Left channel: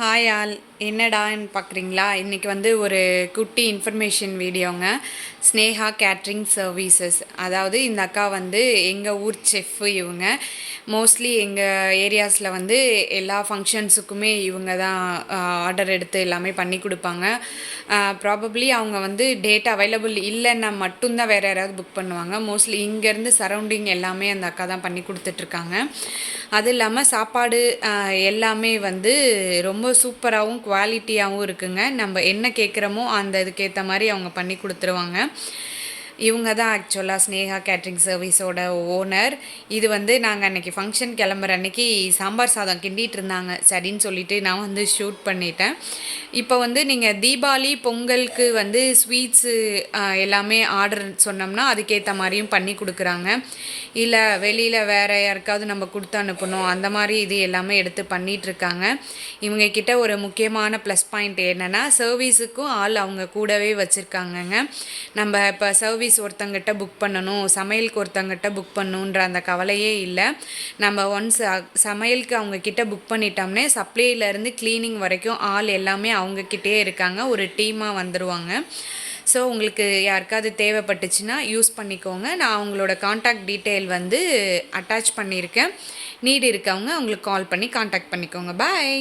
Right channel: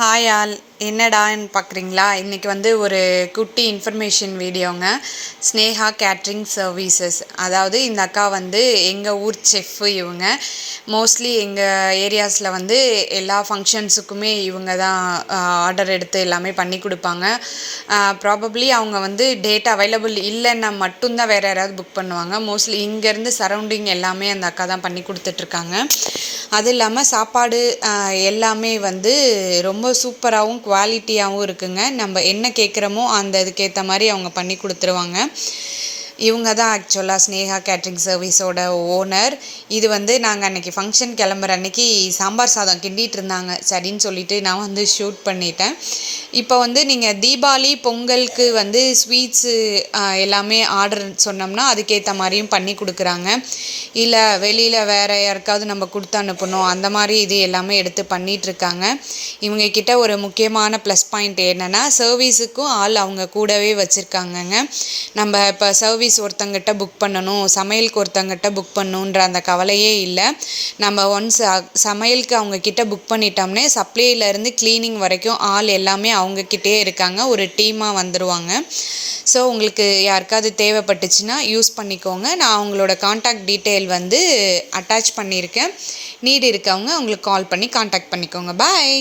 Hi all, என்னடான்னு பார்க்குறீங்களா? இன்றைக்கி வந்து ஒரு குட்டி இன்ஃபர்மேஷன் வீடியோங்க. Sneha catering services. அதாவது இந்த அக்கா வந்து எங்கள் ஊர் செஃப்பு இவங்க. மோஸ்ட்லி எங்கள் ஏரியாஸில் வந்து எல்லா ஃபங்க்ஷன்ஸுக்குமே இவங்க தான் ஆர்டர் எடுத்து எல்லாமே பண்ணி கொடுப்பாங்க. ப்ராபப்ளி அவங்க வந்து டேட் அவைலபிள் இல்லைன்னா மட்டும்தான் வேறு யாராவது புக் பண்ணுவாங்க. மோஸ்ட்லி இங்கேருந்து சரௌண்டிங் எல்லாமே அந்த அக்கா தான் பண்ணி கொடுத்துட்ருக்காங்க. அது இல்லாமல் சாப்பாடு எல்லாமே வந்து ரொம்ப சூப்பராகவும் குவாலிட்டியாகவும் இருக்குங்க. நம்ம என்ன கேட்குறோமோ அந்த இதுக்கேற்ற மாதிரி அவங்க பண்ணி கொடுத்துருவாங்க. இவங்க தான் ஆக்சுவலாக ஸ்னேகா கேட்ரிங் சர்வீஸோட ஓனர். இது வந்து நாங்கள் அன்றைக்கி ஃபங்க்ஷன் கிளம்புற அன்றைக்கி சாம்பார் சாதம் கிண்டிகிட்டு இருந்தாங்க. சரின்னு சொல்லிவிட்டு நான் வந்து ஷூட் பண்ணிட்டேன். இப்போ வந்து நீங்கள் தீபாவளி பொங்கலுக்கு வந்து ஸ்வீட்ஸு எல்லாமே ஆர்டர் சொன்னோம்னா அதுக்கேற்ற மாதிரியும் பண்ணி கொடுக்குறாங்க. இல்லை வெளியில் வேறு யாருக்காவது நம்ம கொடுத்து அனுப்பணும், அந்த மாதிரி இது எல்லாமே எடுத்து பண்ணிகிட்ருக்காங்க. இவங்கக்கிட்ட ஒரு முக்கியமான ப்ளஸ் பாயிண்ட் என்னென்னா, சர்வீஸுக்கும் ஆள் அவங்க கூடவே வச்சுருக்காங்கங்க. நம்ம இப்போ சர்வீஸ் ஒருத்தங்கிட்ட புக் பண்ணணும், சமையலுக்கு ஒருத்தங்கிட்ட புக் பண்ணணுன்ற அந்த கவலையே இல்லை. நம்ம ஒன்ஸ் சமையலுக்கு அவங்கக்கிட்ட புக் பண்ணிட்டோம்னே சப்ளைலேருந்து க்ளீனிங் வரைக்கும் ஆள் எல்லாமே அவங்கக்கிட்டே இருக்காங்க. ஒரு டீமாக வந்துடுவாங்க. ஸோ உங்களுக்கு யாருக்காவது தேவைப்பட்டுச்சுன்னா யூஸ் பண்ணிக்கோங்க. நான் அவங்களோட காண்டாக்ட் டீட்டெயில் வந்து அட்டாச் பண்ணியிருக்கேன். நீடு இருக்கவங்க அவங்களுக்கு கால் பண்ணி காண்டாக்ட் பண்ணிக்கோங்க. பாய்.